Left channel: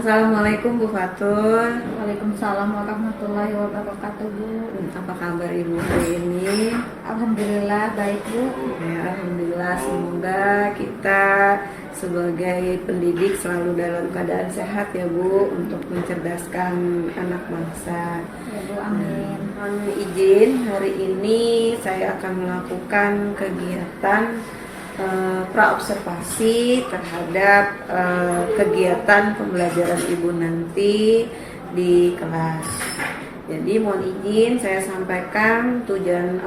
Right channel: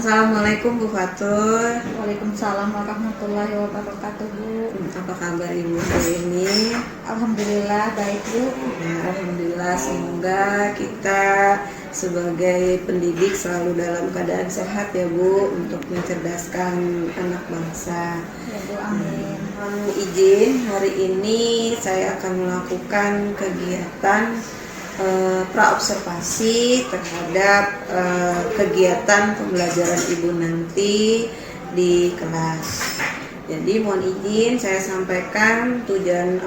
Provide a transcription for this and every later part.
Assalamualaikum Bu Fatul. Waalaikumsalam warahmatullahi wabarakatuh, Bu. Apa kabar Ibu hari ini? Alhamdulillah baik, Bu. Ya, alhamdulillah, semoga kita sebagai pendidik selalu dalam keadaan sehat ya Bu, untuk mencerdaskan anak bangsa. Ya, Bu, amin. Mohon izin, hari ini saya akan melakukan kegiatan praobservasi terhadap kegiatan pembelajaran Ibu nanti di kelas. Jadi mohon izin saya sampaikan tujuan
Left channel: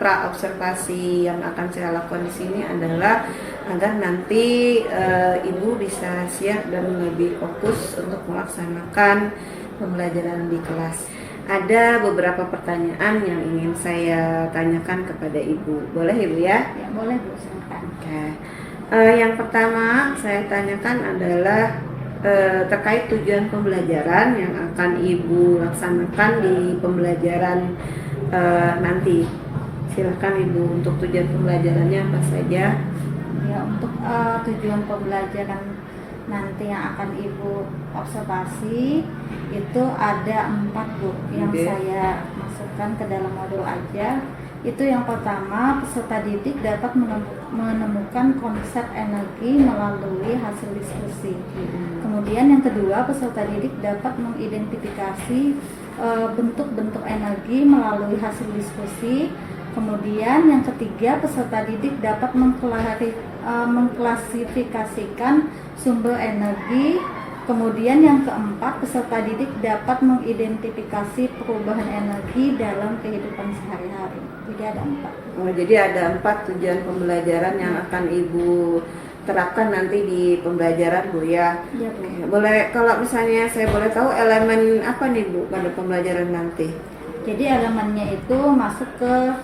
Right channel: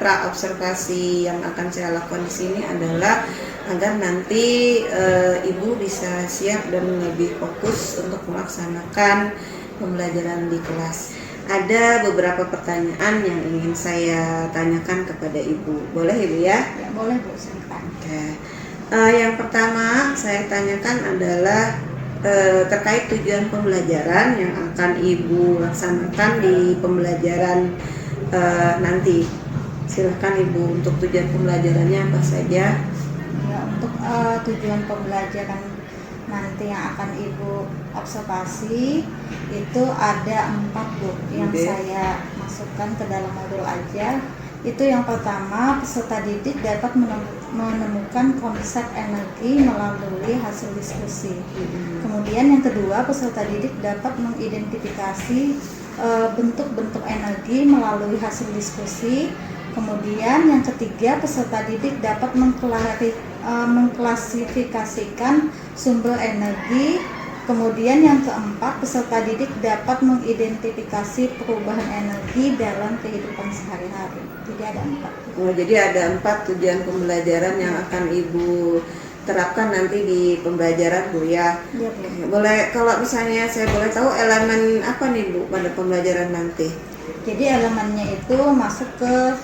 praobservasi yang akan saya lakukan di sini adalah agar nanti Ibu bisa siap dan lebih fokus untuk melaksanakan pembelajaran di kelas. Ada beberapa pertanyaan yang ingin saya tanyakan kepada Ibu. Boleh Ibu ya? Ya, boleh, Bu, silakan. Yang pertama saya tanyakan adalah terkait tujuan pembelajaran yang akan Ibu laksanakan di pembelajaran nanti. Silakan Ibu, untuk tujuan pembelajarannya apa saja? Ya, untuk tujuan pembelajaran nanti yang akan Ibu observasi itu ada 4, Bu, yang saya masukkan ke dalam modul aja. Itu yang pertama, peserta didik dapat menemukan konsep energi melalui hasil diskusi. Kemudian yang kedua, peserta didik dapat mengidentifikasi bentuk-bentuk energi melalui hasil diskusi. Kemudian yang ketiga, peserta didik dapat mengklasifikasikan sumber energi. Kemudian yang keempat, peserta didik dapat mengidentifikasi perubahan energi dalam kehidupan sehari-hari. Jadi ada 4. Oh, jadi ada 4 tujuan pembelajaran yang akan Ibu terapkan nanti di pembelajaran Bu ya. Ya, Bu. Boleh, kalau misalnya saya boleh tahu elemen apa nih Bu pada pembelajaran nanti? Jadi elemennya itu masuk ke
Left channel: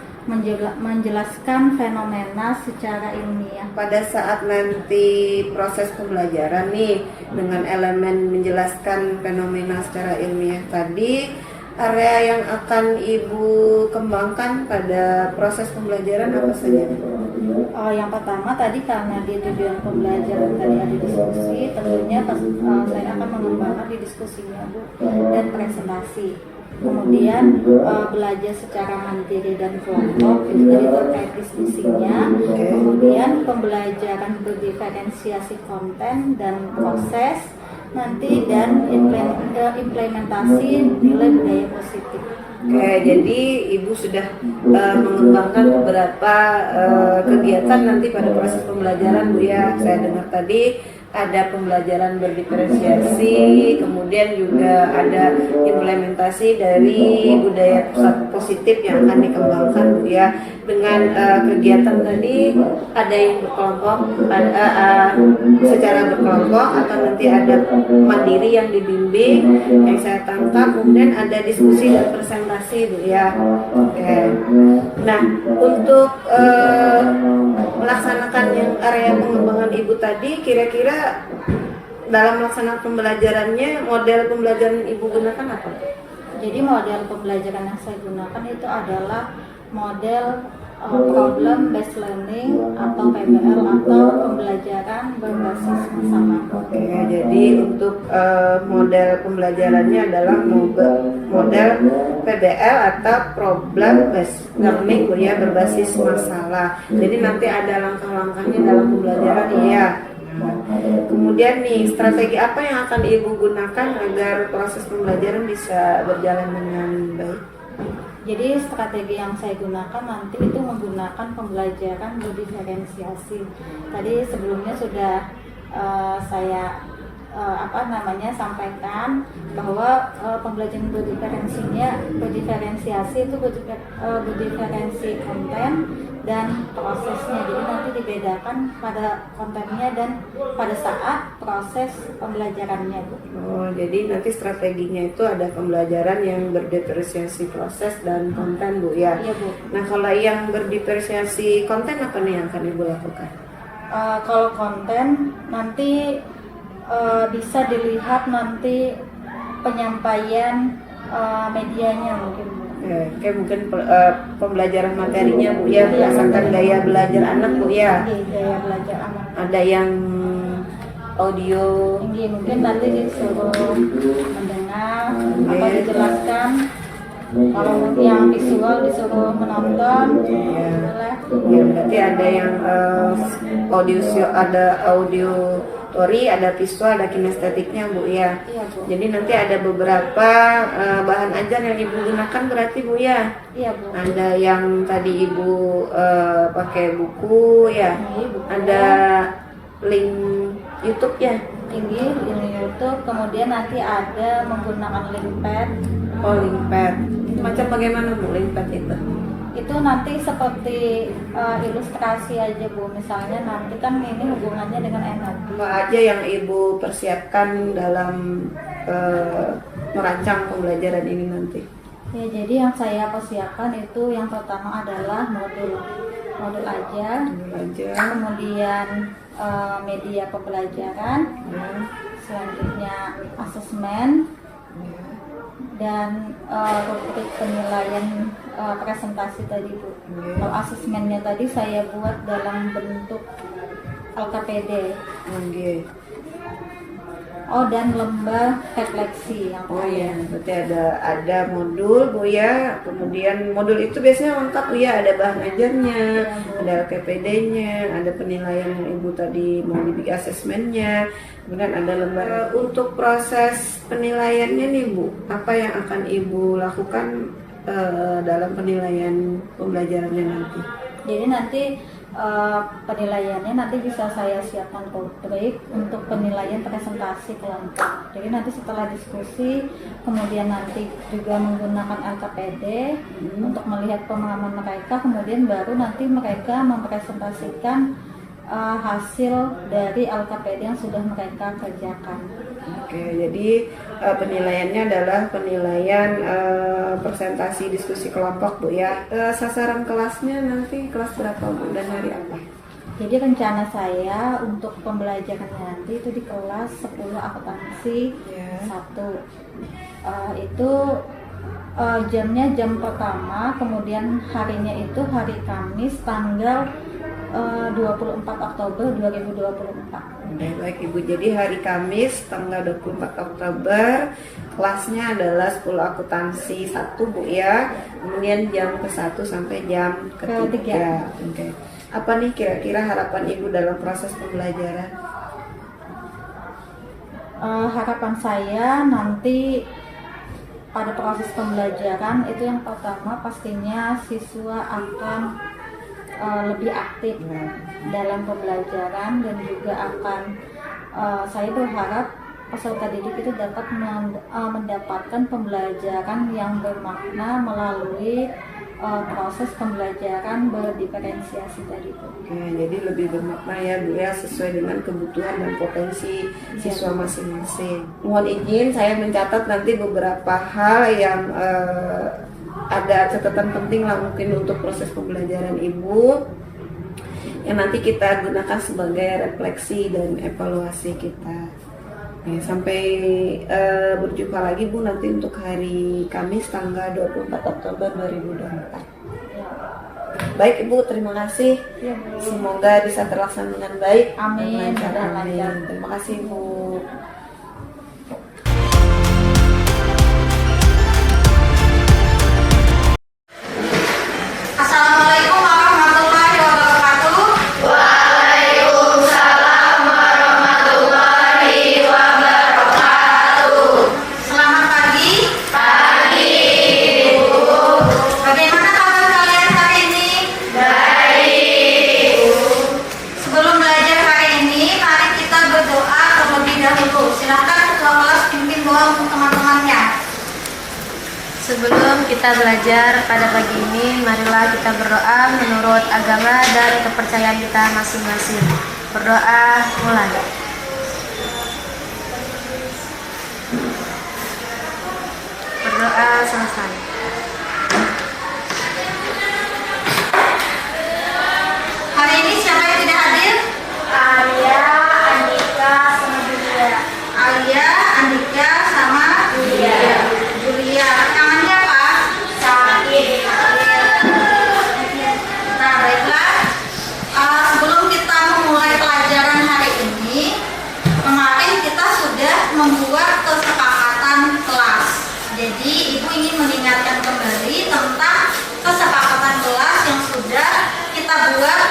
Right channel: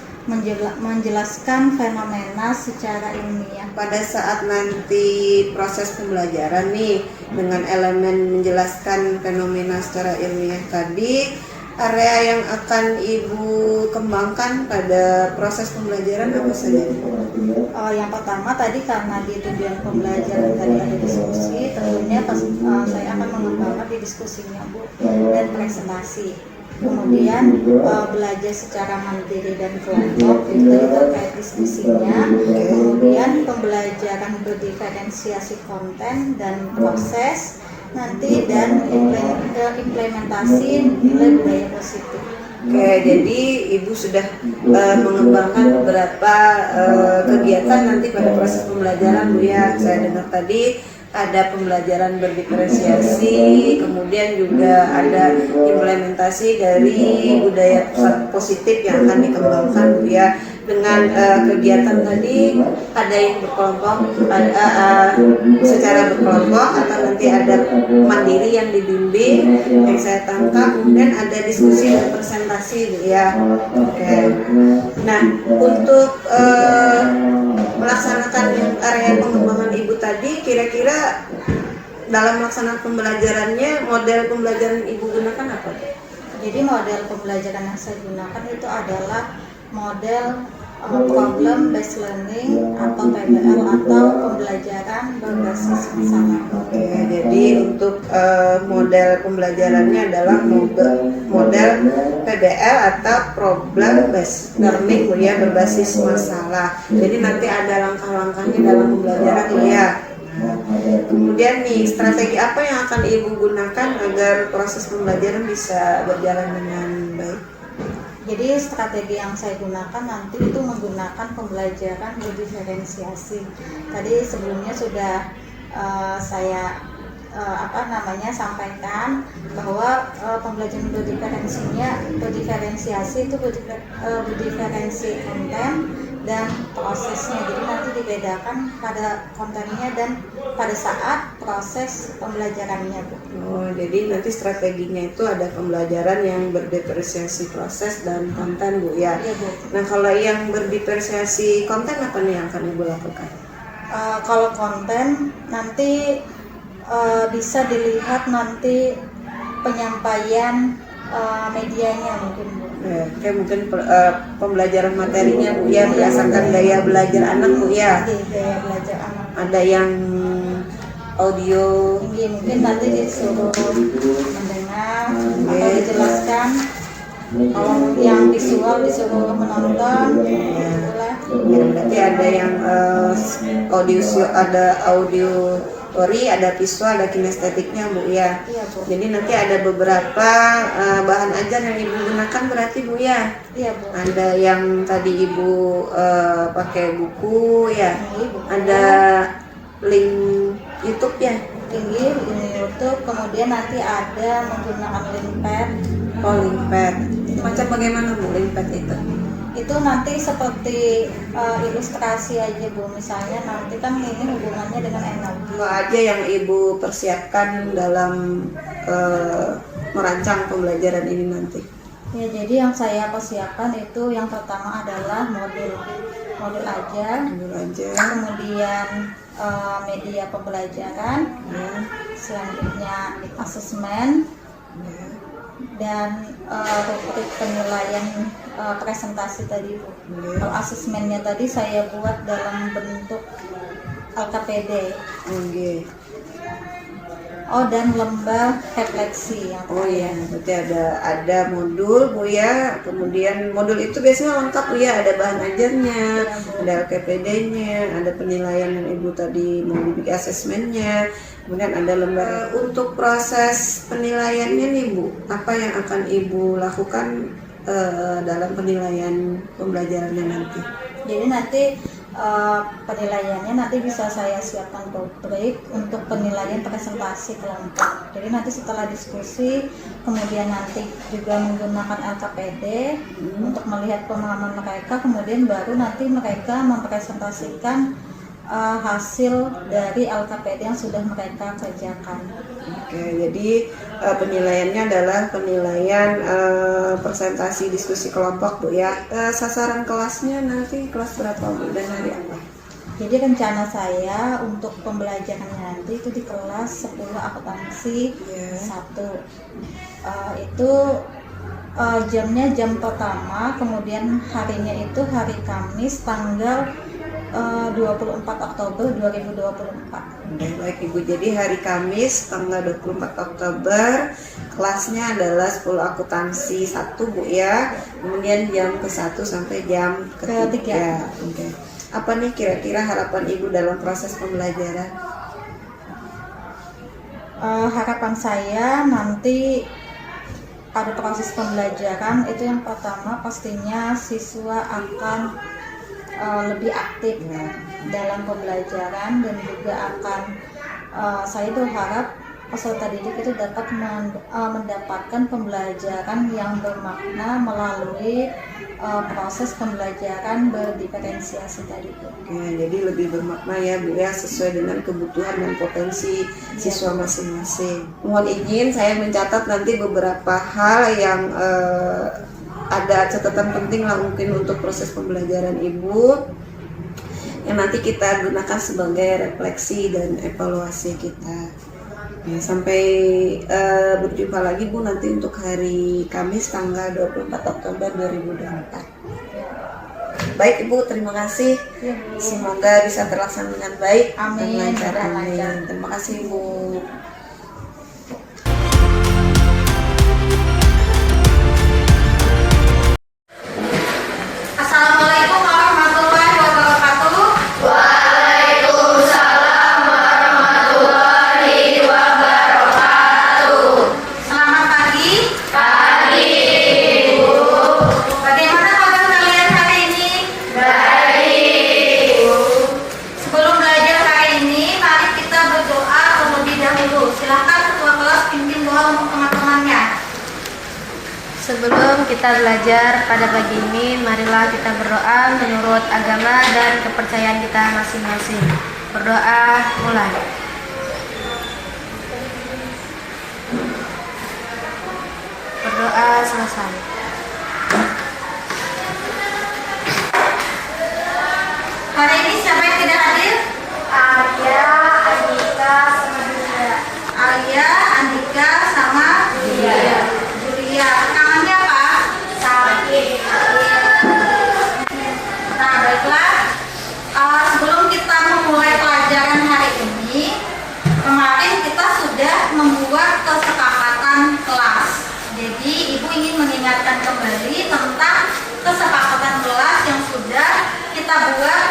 menjelaskan fenomena secara ilmiah. Pada saat nanti proses pembelajaran nih, dengan elemen menjelaskan fenomena secara ilmiah tadi, area yang akan Ibu kembangkan pada proses pembelajaran apa saja? Yang pertama tadi, karena di tujuan pembelajaran tadi ada diskusi, tentunya saya akan mengembangkan di diskusinya, Bu, dan presentasi. Kemudian belajar secara mandiri dan kelompok, itu tadi terkait diskusinya. Kemudian pembelajaran berdiferensiasi konten dan proses nanti, dan implementasi nilai budaya positif. Oke, jadi Ibu sudah mengembangkan beberapa kegiatan nanti pada proses pembelajaran Bu ya. Saya dengar tadi ada pembelajaran berdiferensiasi, kemudian juga ada implementasi dari budaya positif yang akan dikembangkan Bu ya. Dengan kegiatan tadi ada yang berkelompok, secara berkelompok, atau nanti ada mandiri yang dibimbing yang saya tangkap, kemudian ada diskusi dan presentasi Bu ya. Oke. Nah, untuk melaksanakan yang area pengembangan Ibu tadi, kira-kira dalam melaksanakan pembelajarannya, model pembelajaran Ibu gunakan apa? Jadi model pembelajaran yang saya gunakan itu adalah model problem based learning atau PBL, atau pembelajaran berbasis masalah. Oke, jadi untuk model pembelajarannya adalah model PBL atau problem based learning ya, berbasis masalah. Jadi nanti ada langkah-langkahnya dalam pembelajaran ya. Kemudian nih, strategi apa yang akan Ibu gunakan agar proses pembelajaran bisa berjalan dengan baik? Jadi strategi yang saya gunakan nanti itu menggunakan pembelajaran berdiferensiasi. Tadi sebelumnya sudah saya sampaikan bahwa pembelajaran berdiferensiasi itu berdiferensi konten dan prosesnya. Jadi nanti dibedakan pada kontennya dan pada saat proses pembelajarannya, Bu. Oh, jadi nanti strateginya itu ada pembelajaran yang berdiferensiasi proses dan konten Bu ya. Iya, Bu. Nah, kalau yang berdiferensiasi konten apa nih yang akan Ibu lakukan? Kalau konten nanti bisa dilihat nanti penyampaian medianya mungkin, Bu. Kayak mungkin pembelajaran materinya Bu ya, berdasarkan gaya belajar anak Bu ya. Gaya belajar anak. Ada yang audio. Mungkin nanti disuruh mendengar atau dijelaskan. Kalau yang visual disuruh menonton, itulah. Ya, berarti ada yang audiotori, ada visual, ada kinestetiknya Bu ya. Iya Bu. Jadi nanti ada beberapa bahan ajar yang Ibu gunakan berarti Bu ya. Iya Bu. Ada yang tadi Ibu pakai buku ya. Buku. Ada link YouTube ya. Tinggi di YouTube, kemudian nanti ada menggunakan link pad. Oh, link pad. Itu macam bagaimana Bu link pad itu? Itu nanti seperti ilustrasi aja Bu. Misalnya nanti kan ini hubungannya dengan energi. Apa aja yang Ibu persiapkan dalam merancang pembelajaran ini nanti? Ya, jadi yang saya persiapkan itu yang pertama adalah modul aja, kemudian media pembelajaran, selanjutnya asesmen, dan rubrik penilaian presentasi tadi Bu. Kalau asesmennya tadi saya buat dalam bentuk LKPD. Oh, dan lomba refleksi yang Oh iya, berarti ada modul Bu ya. Kemudian modul itu biasanya lengkap Bu ya, ada bahan ajarnya, ada LKPD-nya, ada penilaian yang Ibu tadi mau dibikin asesmennya, kemudian ada lomba. Untuk proses penilaiannya nih Bu, apa yang akan Ibu lakukan dalam penilaian pembelajarannya nanti? Jadi nanti penilaiannya nanti bisa saya siapkan rubrik untuk penilaian presentasi kelompok. Jadi nanti setelah diskusi, kemudian nanti juga menggunakan LKPD untuk melihat pemahaman mereka, kemudian baru nanti mereka mempresentasikan hasil dari LKPD yang sudah mereka kerjakan. Oke, jadi penilaiannya adalah penilaian presentasi diskusi kelompok Bu ya. Sasaran kelasnya nanti kelas berapa Bu dan hari apa? Jadi rencana saya untuk pembelajarannya nanti itu di kelas 10 akuntansi 1. Itu jamnya jam pertama, kemudian harinya itu hari Kamis tanggal 24 Oktober 2024. Baik Ibu, jadi hari Kamis tanggal 24 Oktober kelasnya adalah 10 akuntansi 1 Bu ya. Kemudian jam ke-1 sampai jam ke-3. Oke. Apa nih kira-kira harapan Ibu dalam proses pembelajaran? Harapan saya nanti pada proses pembelajaran itu yang pertama pastinya siswa akan lebih aktif dalam pembelajaran, dan juga akan saya berharap peserta didik itu dapat mendapatkan pembelajaran yang bermakna melalui proses pembelajaran berdiferensiasi tadi Bu. Oke, jadi lebih bermakna ya Bu ya, sesuai dengan kebutuhan dan potensi siswa masing-masing. Mohon izin saya mencatat nanti beberapa hal yang ada catatan penting lah mungkin untuk proses pembelajaran Ibu yang nanti kita gunakan sebagai refleksi dan evaluasi kita. Ya, sampai berjumpa lagi Bu nanti untuk hari Kamis tanggal 24 Oktober 2024. Baik Ibu, terima kasih. Semoga bisa terlaksana dengan baik. Amin. Dan lancar. Terima kasih Bu. Assalamualaikum warahmatullahi wabarakatuh. Waalaikumsalam warahmatullahi wabarakatuh. Selamat pagi. Ibu. Bagaimana kabar kalian hari ini? Baik. Sebelum belajar hari ini, mari kita berdoa terlebih dahulu. Silakan ketua kelas pimpin doa untuk teman-temannya. Sebelum kita belajar pada pagi ini, marilah kita berdoa menurut agama dan kepercayaan kita masing-masing. Berdoa mulai. Berdoa selesai. Hari ini siapa yang tidak hadir? Alia, Andika, sama Julia. Alia, Andika, sama Julia. Tangannya apa? Sakit. Nah, baiklah. Sebelum kita memulai pelajaran hari ini, membuat kesepakatan kelas. Jadi Ibu ingin mengingatkan kembali tentang kesepakatan kelas yang sudah kita buat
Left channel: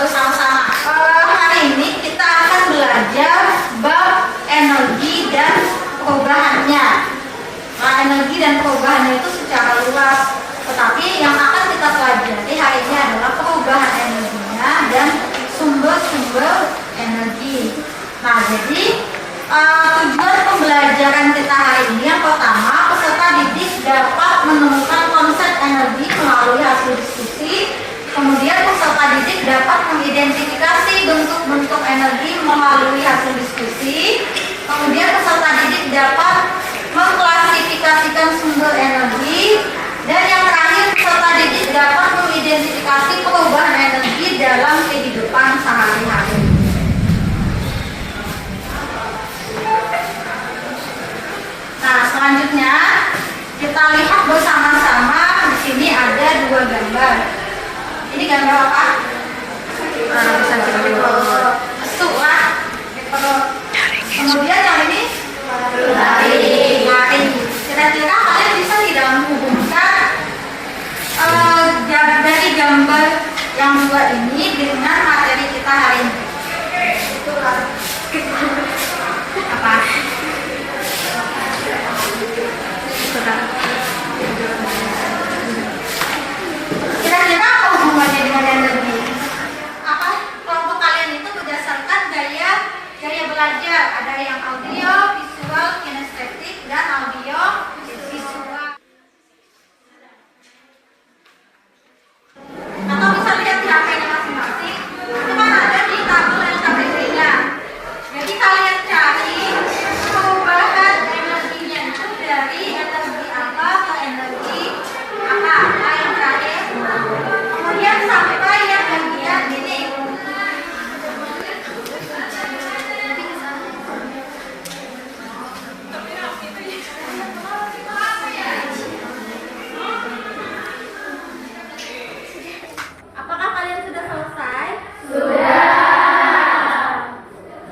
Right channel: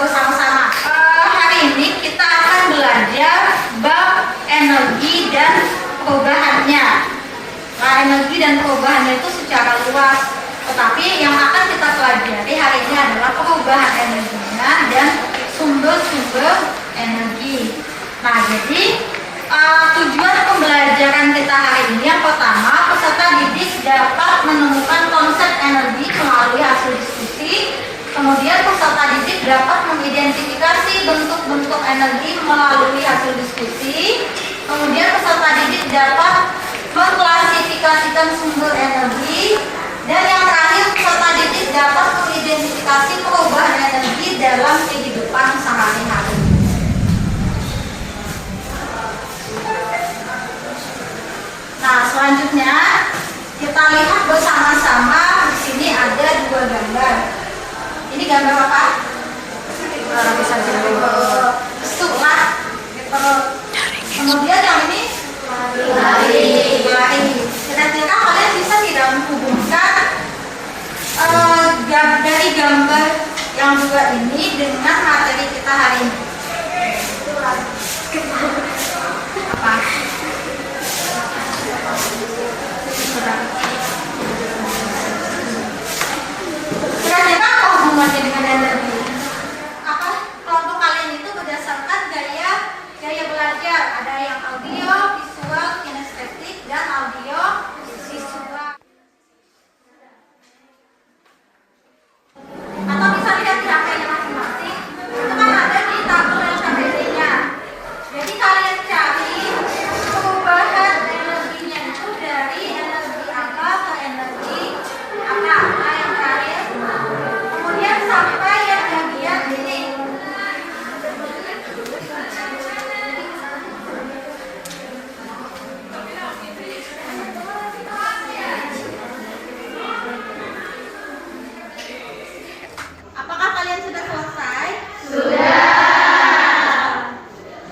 bersama-sama. Hari ini kita akan belajar bab energi dan perubahannya. Nah, energi dan perubahannya itu secara luas. Tetapi yang akan kita pelajari hari ini adalah perubahan energinya dan sumber-sumber energi. Nah, jadi tujuan pembelajaran kita hari ini yang pertama, peserta didik dapat menemukan konsep energi melalui hasil diskusi. Kemudian peserta didik dapat mengidentifikasi bentuk-bentuk energi melalui hasil diskusi. Kemudian peserta didik dapat mengklasifikasikan sumber energi. Dan yang terakhir, peserta didik dapat mengidentifikasi perubahan energi dalam kehidupan sehari-hari. Nah, selanjutnya kita lihat bersama-sama. Di sini ada dua gambar. Ini gambar apa? Besuk lah. Kemudian yang ini hari. Kira-kira kalian bisa tidak menghubungkan dari gambar yang dua ini dengan materi kita hari ini? Apa? Kira-kira apa hubungannya dengan energi? Apa kelompok kalian itu berdasarkan gaya belajar? Ada yang audio, visual, kinestetik, dan audio visual. Atau bisa lihat di HP-nya masing-masing. Itu kan ada di tabel LKPD-nya. Jadi kalian cari perubahan energinya itu dari energi apa ke energi apa. Kalian cari. Kemudian sampai yang bagian ini. Apakah kalian sudah selesai?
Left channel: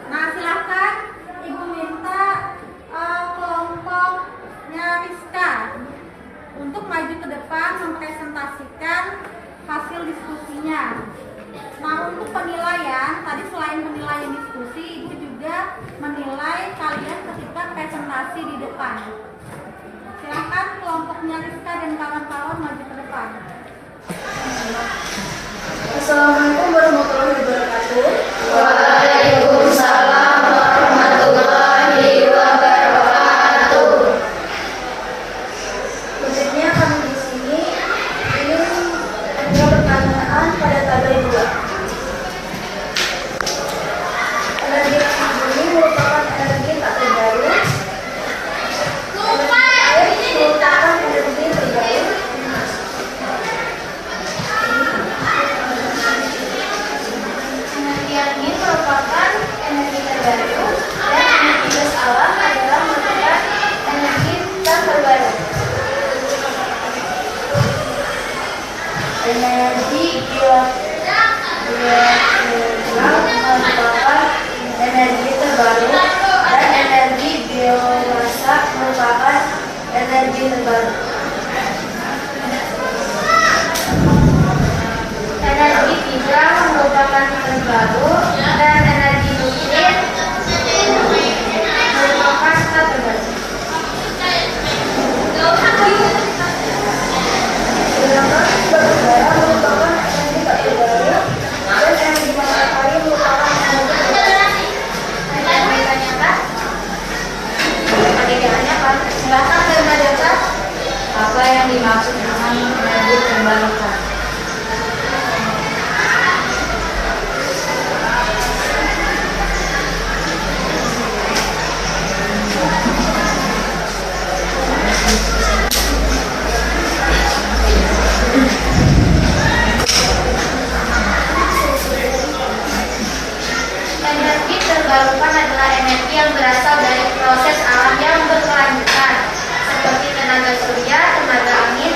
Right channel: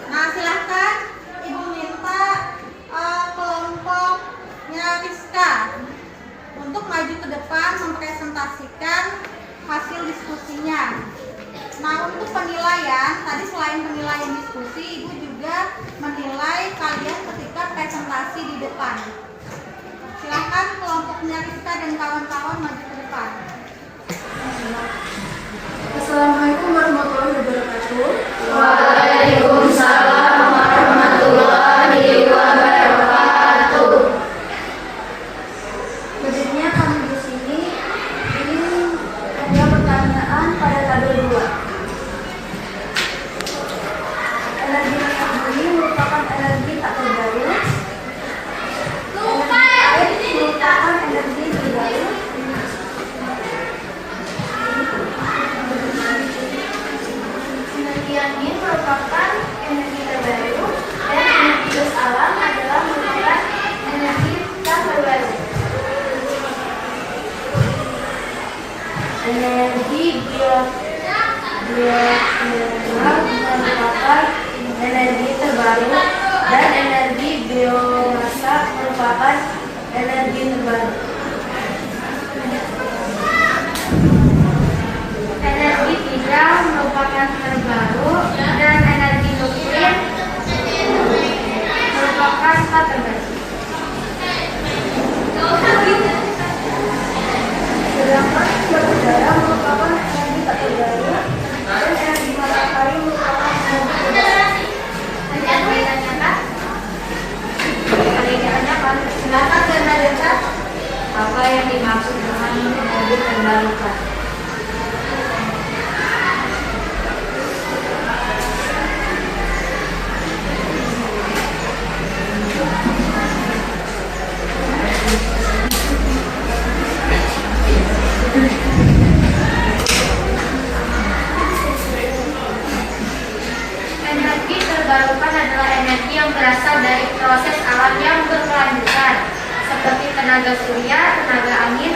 Nah, silahkan Ibu minta kelompoknya Rizka untuk maju ke depan mempresentasikan hasil diskusinya. Nah, untuk penilaian, tadi selain penilaian diskusi, Ibu juga menilai kalian ketika presentasi di depan. Silahkan kelompoknya Rizka dan kawan-kawan maju ke depan. Assalamualaikum warahmatullahi wabarakatuh. Waalaikumsalam warahmatullahi wabarakatuh. Selanjutnya kami di sini ingin menjawab pertanyaan pada tabel 2. Energi panas bumi merupakan energi tak terbaru. Energi air merupakan energi terbaru. Energi angin merupakan energi terbaru dan energi gas alam adalah merupakan energi tak terbaru. Energi geothermal merupakan energi terbaru dan energi biomasa merupakan energi terbaru. Energi hidra merupakan terbaru dan energi nuklir merupakan tak terbaru. Sedangkan batubara merupakan energi tak terbaru dan energi matahari merupakan energi terbaru. Perbedaannya apa? Silakan saya apa yang dimaksud dengan energi terbarukan. Energi terbarukan adalah energi yang berasal dari proses alam yang berkelanjutan, seperti tenaga surya, tenaga angin,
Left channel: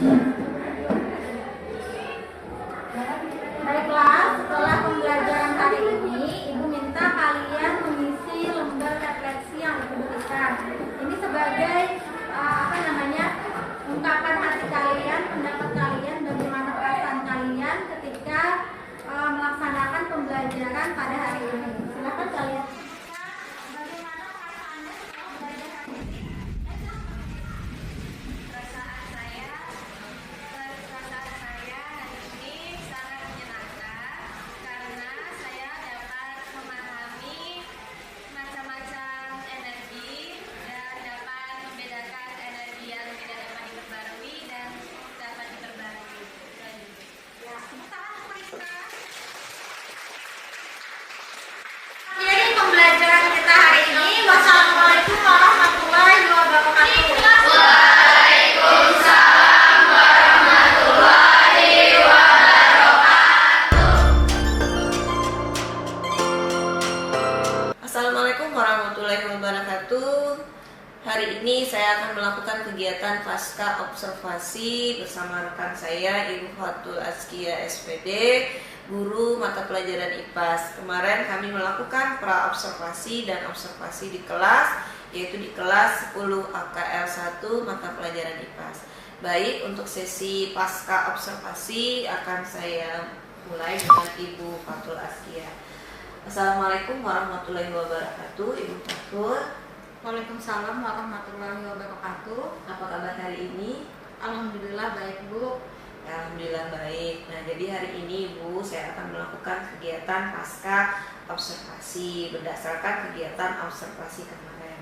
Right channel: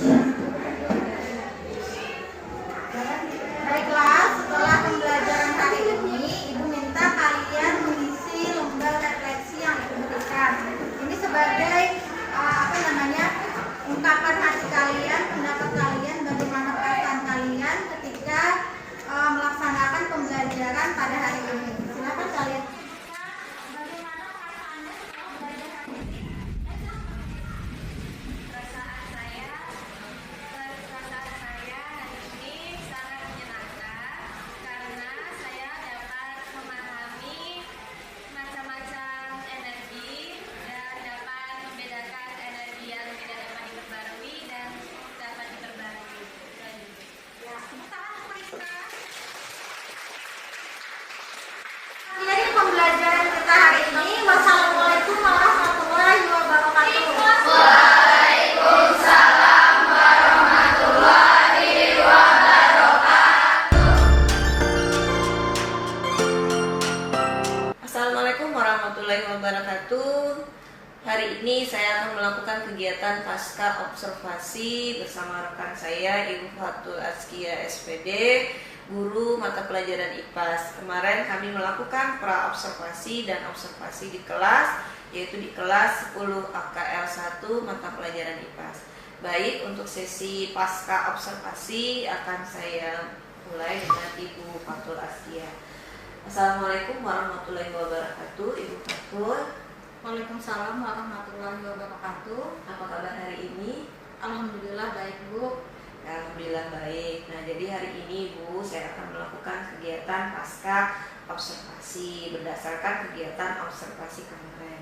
Baiklah, setelah pembelajaran hari ini, Ibu minta kalian mengisi lembar refleksi yang Ibu berikan. Ini sebagai ungkapan hati kalian, pendapat kalian, bagaimana perasaan kalian ketika melaksanakan pembelajaran pada hari ini. Silakan kalian. Bagaimana perasaannya setelah belajar hari ini? Perasaan saya hari ini sangat menyenangkan karena saya dapat memahami macam-macam energi dan dapat membedakan energi yang tidak dapat diperbarui dan dapat diperbarui. Ya, tepuk tangan untuk Rizka. Ini pembelajaran kita hari ini. Wassalamualaikum warahmatullahi wabarakatuh. Assalamualaikum warahmatullahi wabarakatuh. Hari ini saya akan melakukan kegiatan pasca observasi bersama rekan saya Ibu Fatul Azkia SPD, guru mata pelajaran IPAS. Kemarin kami melakukan pra observasi dan observasi di kelas, yaitu di kelas 10 AKL 1 mata pelajaran IPAS. Baik, untuk sesi pasca observasi akan saya mulai dengan Ibu Fatul Azkia. Assalamualaikum warahmatullahi wabarakatuh, Ibu Fatul. Waalaikumsalam warahmatullahi wabarakatuh. Apa kabar hari ini? Alhamdulillah baik, Bu. Alhamdulillah baik. Nah, jadi hari ini Bu, saya akan melakukan kegiatan pasca observasi berdasarkan kegiatan observasi kemarin.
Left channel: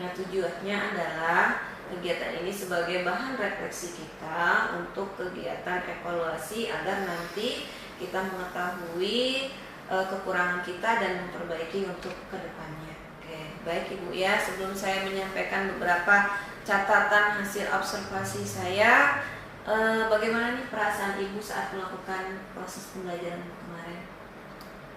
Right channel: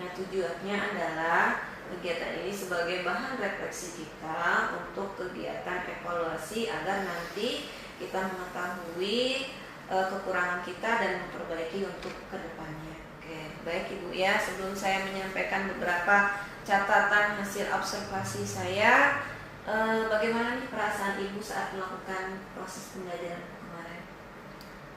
Nah, tujuannya adalah kegiatan ini sebagai bahan refleksi kita untuk kegiatan evaluasi agar nanti kita mengetahui kekurangan kita dan memperbaiki untuk kedepannya. Oke, baik Ibu ya. Sebelum saya menyampaikan beberapa catatan hasil observasi saya, bagaimana nih perasaan Ibu saat melakukan proses pembelajaran kemarin?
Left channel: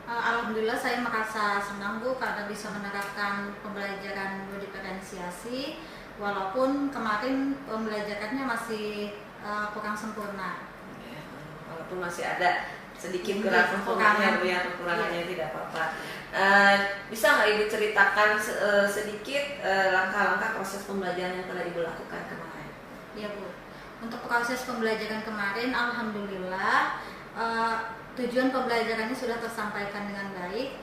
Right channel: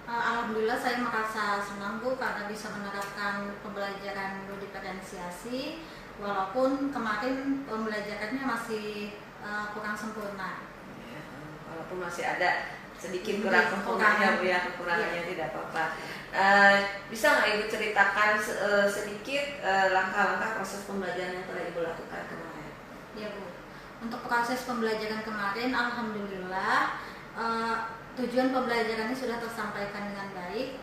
Alhamdulillah saya merasa senang, Bu, karena bisa menerapkan pembelajaran berdiferensiasi walaupun kemarin pembelajarannya masih kurang sempurna. Ya, walaupun masih ada sedikit kurang sempurnanya, Bu ya, kekurangannya tidak apa-apa. Bisa nggak Ibu ceritakan sedikit langkah-langkah proses pembelajaran yang telah Ibu lakukan kemarin? Ya, Bu. Untuk proses pembelajaran kemarin, alhamdulillah tujuan pembelajarannya sudah tersampaikan dengan baik.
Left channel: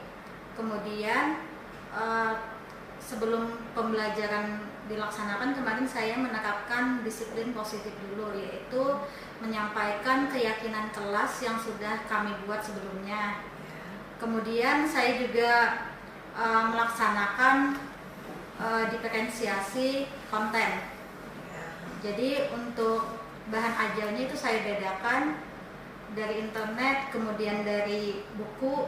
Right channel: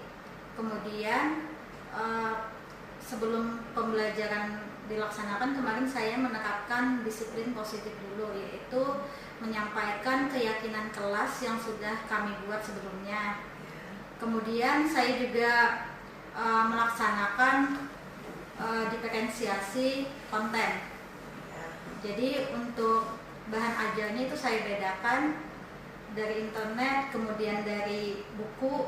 Kemudian sebelum pembelajaran dilaksanakan kemarin saya menerapkan disiplin positif dulu, yaitu menyampaikan keyakinan kelas yang sudah kami buat sebelumnya. Kemudian saya juga melaksanakan diferensiasi konten. Jadi untuk bahan ajarnya itu saya bedakan dari internet, kemudian dari buku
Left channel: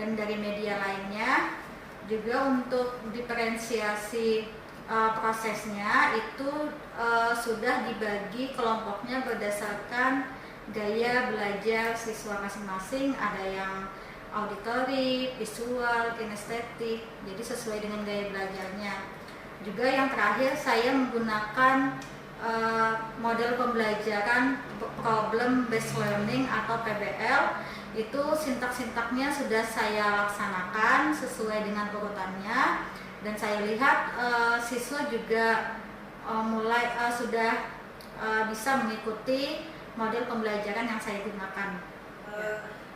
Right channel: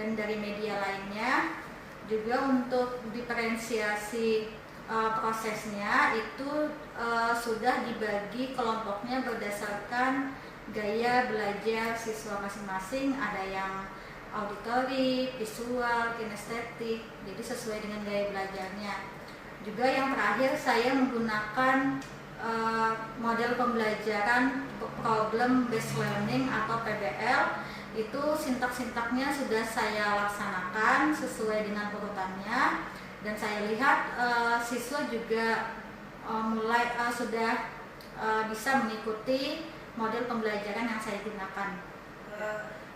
dan dari media lainnya. Juga untuk diferensiasi prosesnya itu sudah dibagi kelompoknya berdasarkan gaya belajar siswa masing-masing. Ada yang auditory, visual, kinestetik, jadi sesuai dengan gaya belajarnya. Juga yang terakhir saya menggunakan model pembelajaran problem based learning atau PBL. Itu sintak-sintaknya sudah saya laksanakan sesuai dengan urutannya, dan saya lihat siswa juga sudah bisa mengikuti model pembelajaran yang saya gunakan.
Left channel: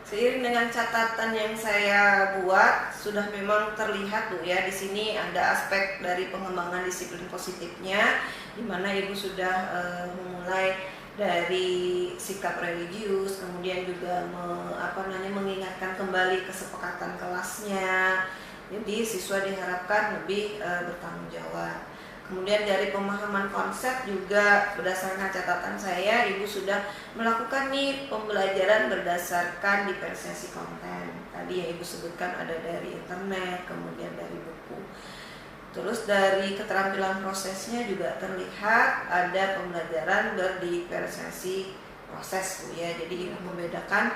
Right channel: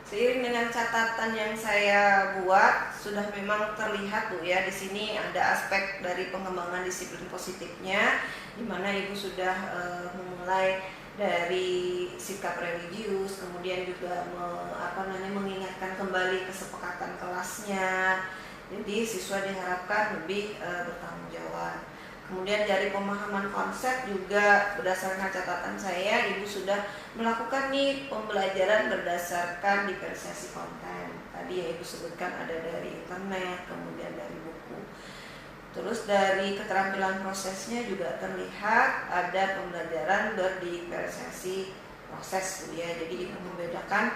Seiring dengan catatan yang saya buat, sudah memang terlihat Bu ya, di sini ada aspek dari pengembangan disiplin positifnya, di mana Ibu sudah memulai dari sikap religius, kemudian juga mengingatkan kembali kesepakatan kelasnya. Jadi siswa diharapkan lebih bertanggung jawab. Kemudian dari pemahaman konsep juga berdasarkan catatan saya, Ibu sudah melakukan nih pembelajaran berdasarkan diferensiasi konten. Tadi yang Ibu sebutkan ada dari internet, kemudian dari buku. Terus dari keterampilan prosesnya juga terlihat ada pembelajaran berdiferensiasi proses Bu ya. Jadi Ibu membedakan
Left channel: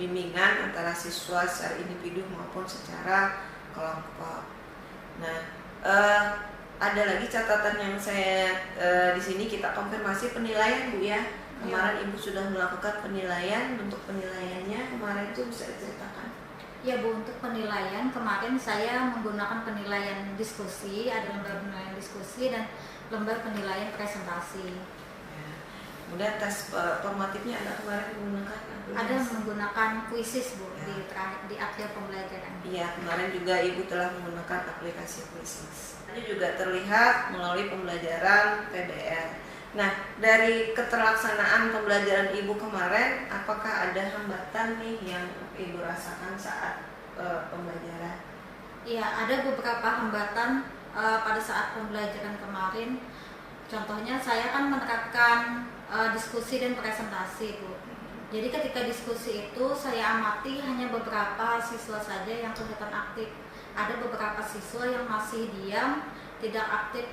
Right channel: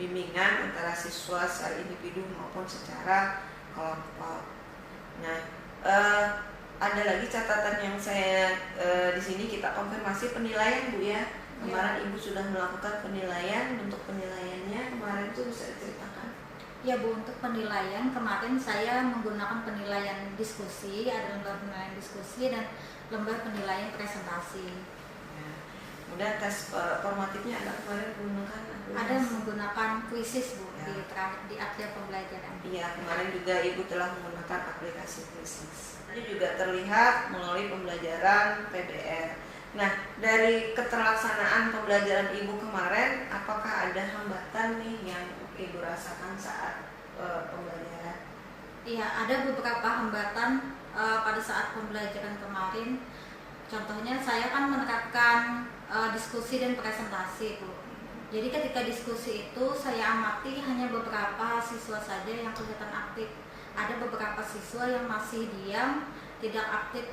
bimbingan antara siswa secara individu maupun secara kelompok. Nah, ada lagi catatan yang saya di sini kita konfirmasi penilaian Bu ya. Kemarin Ibu sudah melakukan penilaian, bentuk penilaiannya kemarin itu bisa diceritakan? Ya Bu, untuk penilaian kemarin saya menggunakan penilaian diskusi, ada lembar penilaian diskusi dan lembar penilaian presentasi. Ya. Kemudian tes formatifnya ada kemarin menggunakan? Ada menggunakan kuisis Bu Ya. di akhir pembelajaran. Iya, kemarin juga Ibu telah menggunakan aplikasi kuisis. Ini juga terlihat melalui pembelajaran PBR. Nah, dari keterlaksanaan pembelajaran Ibu kemarin, apakah ada hambatan nih yang Ibu rasakan saat pembelajaran? Iya, ada beberapa hambatan pada saat pembelajaran kemarin. Contohnya saya kan menerapkan diskusi dan presentasi Bu. Jadi ketika diskusi itu saya amati hanya beberapa siswa saja yang kelihatan aktif. Ada beberapa siswa yang masih diam, tidak aktif,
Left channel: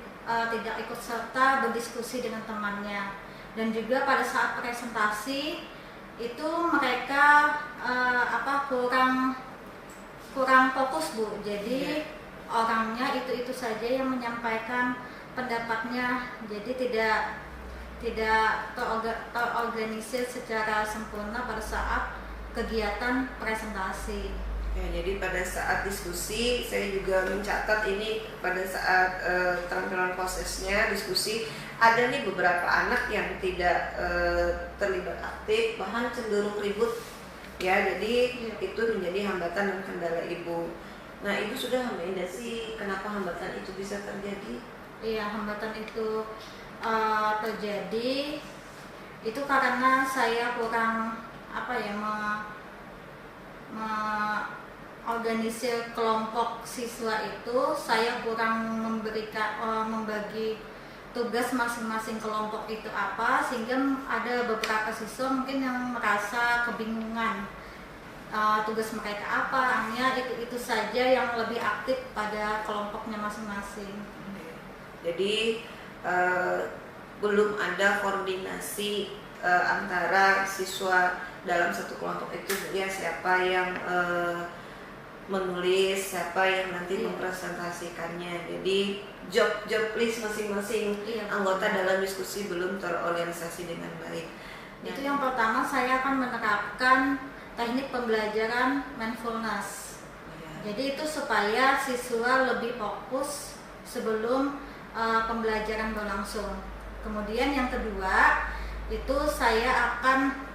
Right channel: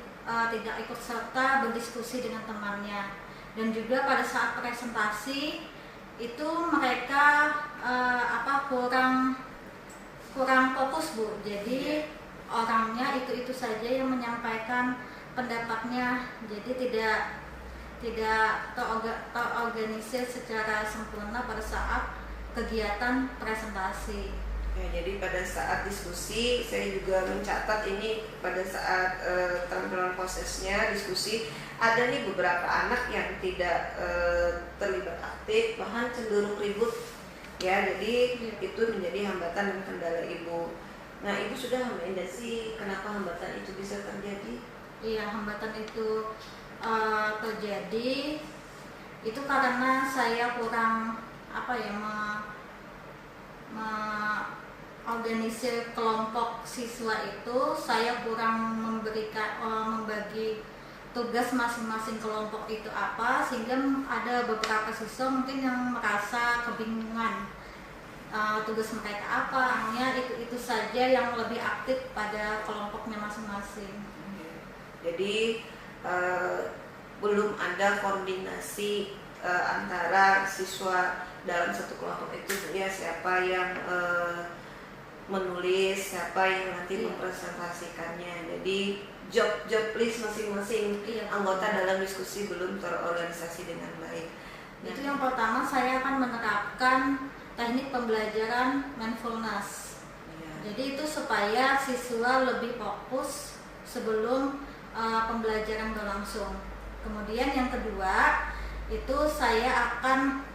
tidak ikut serta berdiskusi dengan temannya. Dan juga pada saat presentasi itu mereka kurang fokus Bu. Jadi orangnya itu saja yang menyampaikan pendapatnya. Jadi tidak terorganisir secara sempurna pada saat kegiatan presentasi. Ya, jadi pada saat diskusi saya juga mencatat ini pada saat tampilan prosesnya diskusi ada nih beberapa anak yang tidak terlibat aktif, bahkan cenderung ribut ya. Jadi itu menjadi hambatan dan kendala Ibu. Nah, Ibu sudah memindasi kenapa hambatan itu bisa terjadi? Iya, hambatan itu terjadi itu karena saya kurang organisir kelompok siswa itu. Saya kurang membagi tugas masing-masing kelompok itu apa, sehingga ada beberapa siswa mungkin yang merasa kebingungan tugas mereka apa. Hanya itu saja yang lebih aktif pada kelompoknya masing-masing. Jadi belum ada koordinasi antara siswa dalam satu kelompok itu ya, siapa yang menulis, siapa yang nanti mempresentasikannya. Jadi job list masing-masing anggota dalam diskusi belum terorganisasi dengan baik. Itu yang pertama, saya akan menerapkan teknik pembelajaran mindfulness. Jadi itu supaya siswa lebih fokus sebelum pembelajaran berlangsung. Kemudian yang kedua, itu saya akan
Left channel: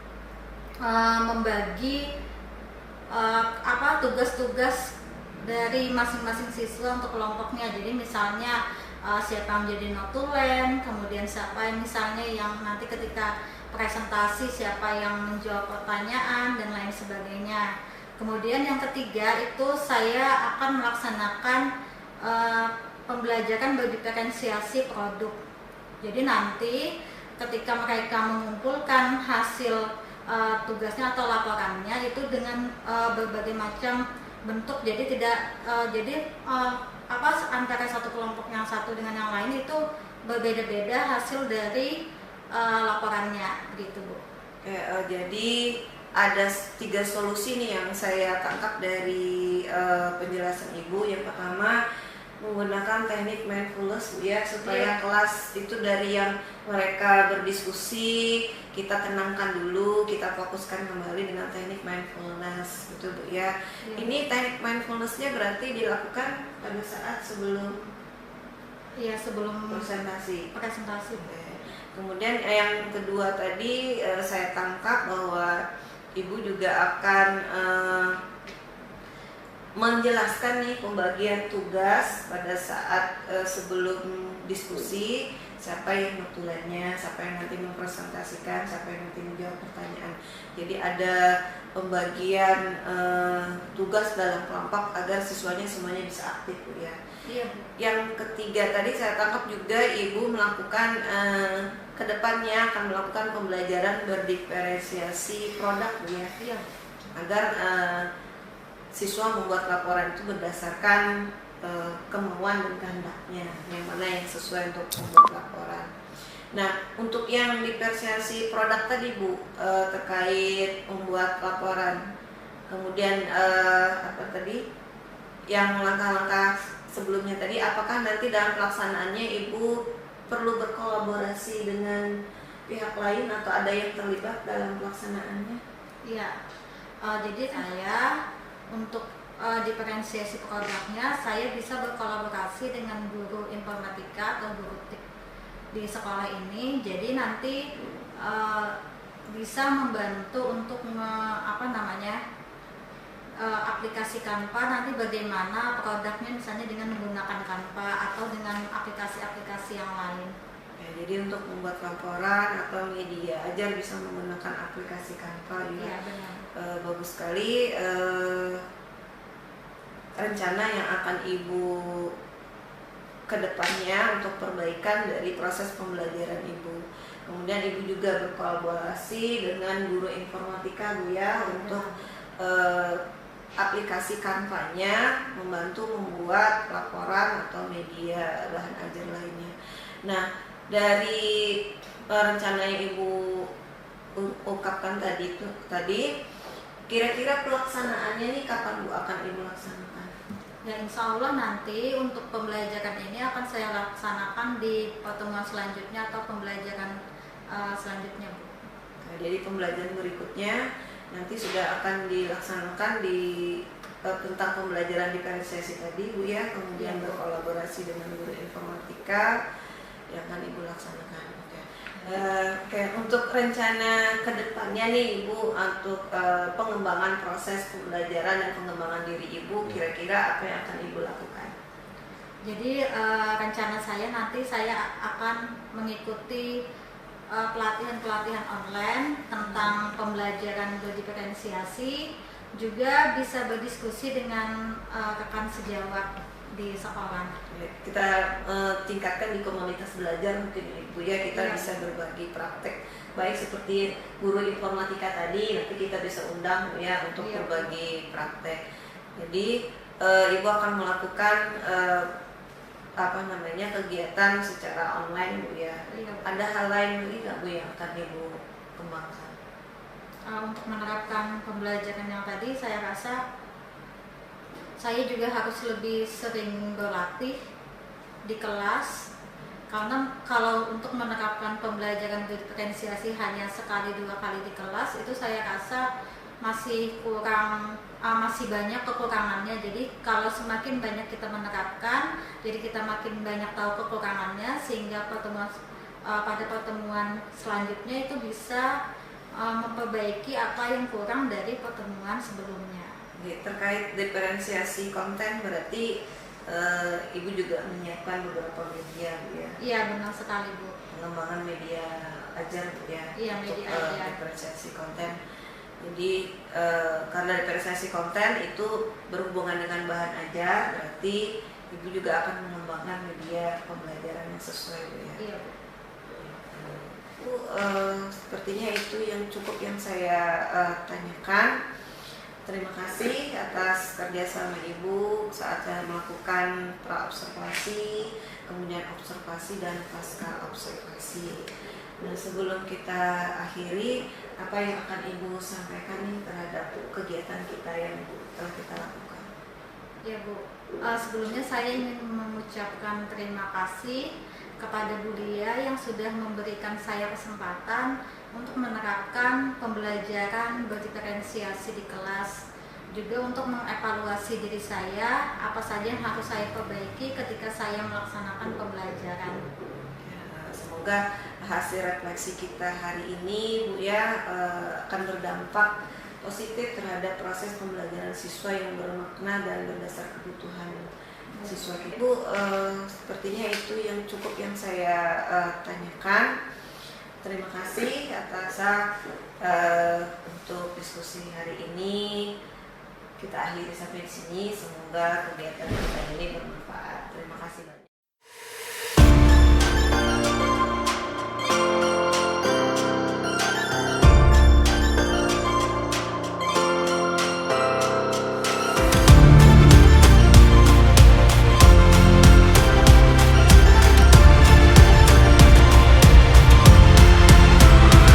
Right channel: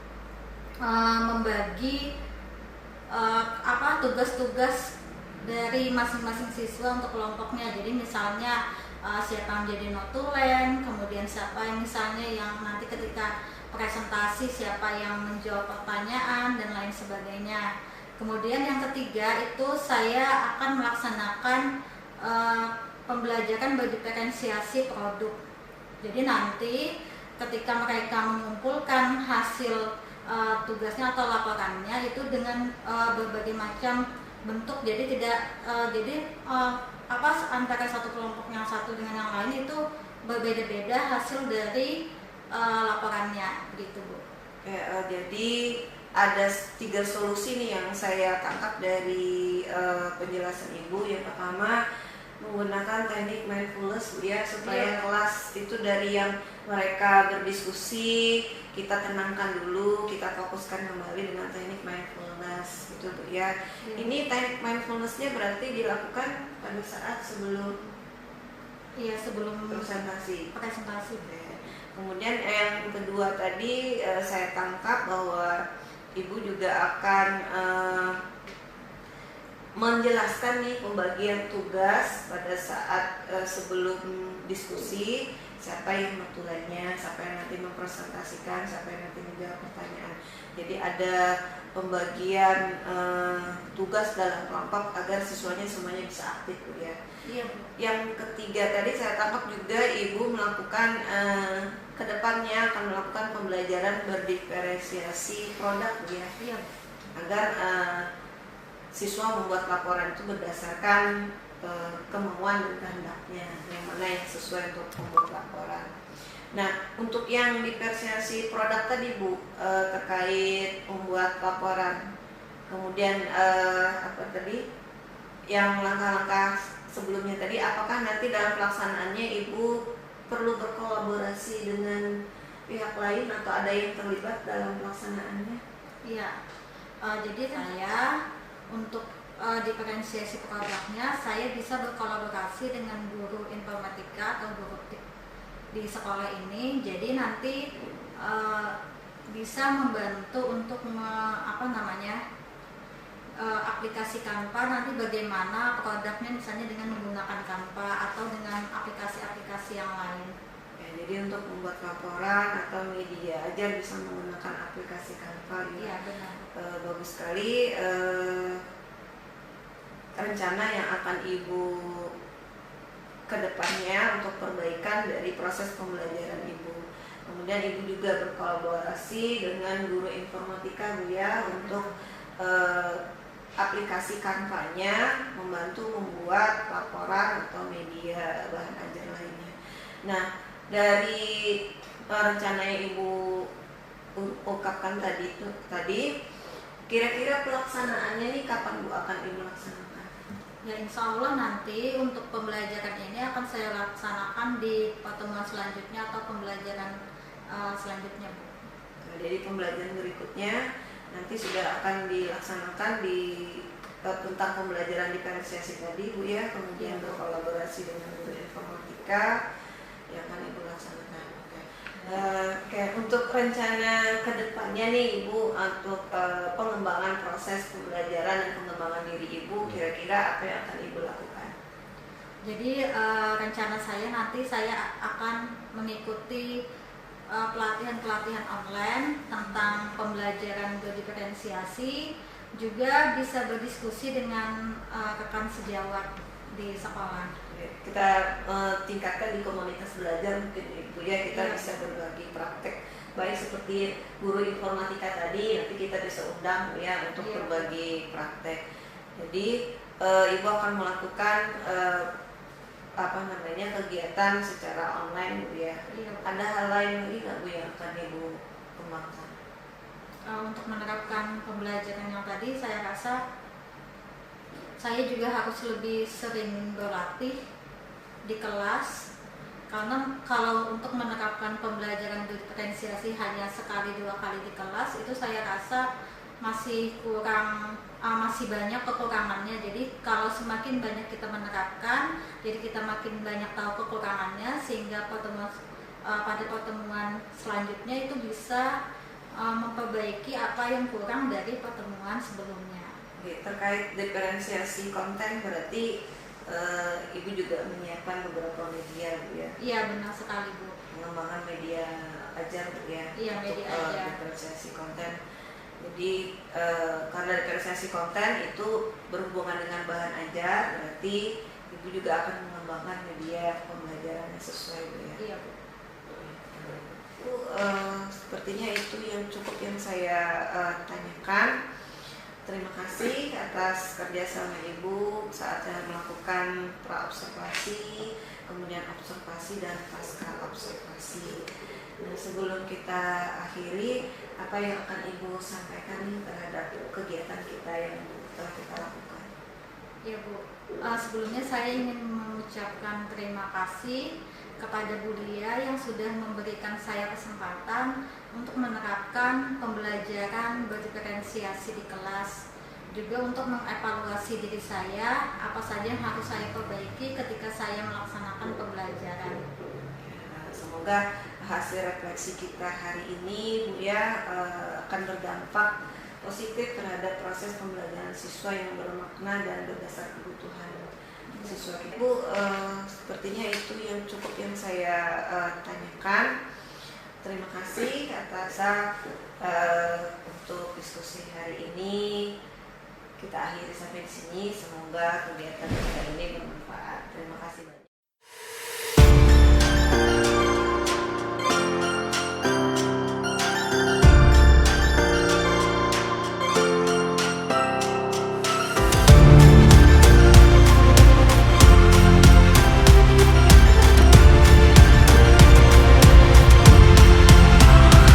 membagi tugas-tugas dari masing-masing siswa untuk kelompoknya. Jadi misalnya siapa yang menjadi notulen, kemudian siapa yang misalnya yang nanti ketika presentasi siapa yang menjawab pertanyaan dan lain sebagainya. Kemudian yang ketiga itu saya akan melaksanakan pembelajaran berdiferensiasi produk. Jadi nanti ketika mereka mengumpulkan hasil tugasnya atau laporannya itu dengan berbagai macam bentuk. Jadi antara satu kelompok yang satu dengan yang lain itu berbeda-beda hasil dari laporannya, gitu Bu. Jadi ada 3 solusi nih yang saya tangkap dari penjelasan Ibu. Yang pertama, menggunakan teknik mindfulness ya, supaya kelas itu dari yang mereka berdiskusi kita tenangkan dulu, kita fokuskan kembali dengan teknik mindfulness gitu Bu ya. Ini teknik mindfulnessnya berarti dilakukan pada saat sebelum presentasi. Kemudian yang kedua tadi saya tangkap bahwa Ibu juga akan menjelaskan nih pembagian tugas pada saat sebelum diskusi, siapa yang notulennya, siapa yang nanti mempresentasikan, siapa yang nanti menjawab pertanyaan. Jadi ada pembagian tugas dalam kelompok agar siswanya semuanya bisa aktif ya. Iya. Yang ketiga tadi saya tangkap juga Ibu melakukan kedepannya akan melakukan pembelajaran berdiferensiasi produk ya. Iya. Agar siswa membuat laporan itu berdasarkan kemauan dan kehendaknya, yang mana yang sesuai untuk membuat laporan. Nah, untuk yang diferensiasi produk tadi Bu, terkait membuat laporan, kemudian yang langkah-langkah sebelumnya tadi, apakah nanti dalam pelaksanaannya Ibu perlu berkolaborasi dengan pihak lain atau ada yang terlibat dalam pelaksanaannya? Iya, jadi saya untuk diferensiasi produknya saya bisa berkolaborasi dengan guru informatika atau guru di sekolah ini. Jadi nanti bisa membantu untuk aplikasi Canva, nanti bagaimana produknya misalnya dengan menggunakan Canva atau dengan aplikasi-aplikasi yang lain. Ya, jadi untuk membuat laporan atau media ajar bisa menggunakan aplikasi Canva ya. Iya, benar. Bagus sekali. Rencana yang akan Ibu kedepannya untuk perbaikan dari proses pembelajaran Ibu. Kemudian Ibu juga berkolaborasi dengan guru informatika Bu ya untuk aplikasi Canva-nya membantu membuat laporan atau media bahan ajar lainnya. Nah, dari rencana yang Ibu ungkapkan tadi, kira-kira pelaksanaannya nih kapan Bu akan Ibu laksanakan? Ya, insya Allah nanti untuk pembelajaran ini akan saya laksanakan di pertemuan selanjutnya atau pembelajaran selanjutnya Bu. Nah, jadi pembelajaran berikutnya nanti sudah akan dilaksanakan di tentang pembelajaran diferensiasi tadi Bu ya, kemudian berkolaborasi dengan guru informatika yang akan Ibu laksanakan. Oke, untuk rencana kedepannya nih Ibu untuk pengembangan proses pembelajaran dan pengembangan diri Ibu, kira-kira apa yang akan Ibu lakukan? Jadi rencana saya nanti saya akan mengikuti pelatihan-pelatihan online tentang pembelajaran berdiferensiasi, juga bisa berdiskusi dengan rekan sejawat di sekolah. Kita tingkatkan di komunitas belajar mungkin Ibu ya, kita Iya. bisa berbagi praktek baik seperti guru informatika tadi, nanti kita bisa undang Bu ya untuk Iya. berbagi praktek. Jadi Ibu akan melakukan kegiatan secara online Bu ya. Iya. Ada hal lain lagi nggak Bu yang akan Ibu kembangkan? Untuk menerapkan pembelajaran yang tadi, saya rasa saya juga harus lebih sering berlatih di kelas, karena kalau untuk menerapkan pembelajaran diferensiasi hanya sekali 2 kali di kelas, itu saya rasa masih kurang, masih banyak kekurangannya. Jadi kalau semakin banyak kita menerapkan, jadi kita makin banyak tahu kekurangannya, sehingga pada pertemuan selanjutnya itu bisa memperbaiki apa yang kurang dari pertemuan sebelumnya. Terkait diferensiasi konten berarti Ibu juga menyiapkan beberapa media Bu ya. Iya, benar sekali Bu. Pengembangan media ajar Bu ya. Iya, untuk media ajar. diferensiasi konten. Jadi karena diferensiasi konten itu berhubungan dengan bahan ajar, berarti Ibu juga akan mengembangkan media pembelajaran yang sesuai Bu ya. Iya Bu. Bu, sepertinya itu yang cukup yang saya tanyakan. Terima kasih atas kerjasama Ibu saat saya melakukan pra-observasi, kemudian observasi dan pasca observasi. Nah, sebelum kita akhiri, apa yang akan Ibu sampaikan nih terhadap kegiatan kita yang telah kita lakukan? Ya Bu, sebelumnya saya ingin mengucapkan terima kasih kepada Bu Lia yang sudah memberikan saya kesempatan untuk menerapkan pembelajaran berdiferensiasi di kelas, juga untuk mengevaluasi diri saya, apa saja yang harus saya perbaiki ketika saya melaksanakan pembelajaran. Semoga hasil refleksi kita hari ini Bu ya akan berdampak positif terhadap proses pembelajaran siswa yang bermakna dan berdasar kebutuhan siswa kita. Bu, sepertinya itu yang cukup yang saya tanyakan. Terima kasih atas untuk diskusi hari ini. Kita akhiri sampai di sini. Semoga kegiatan kita ini bermanfaat. Terima kasih banyak.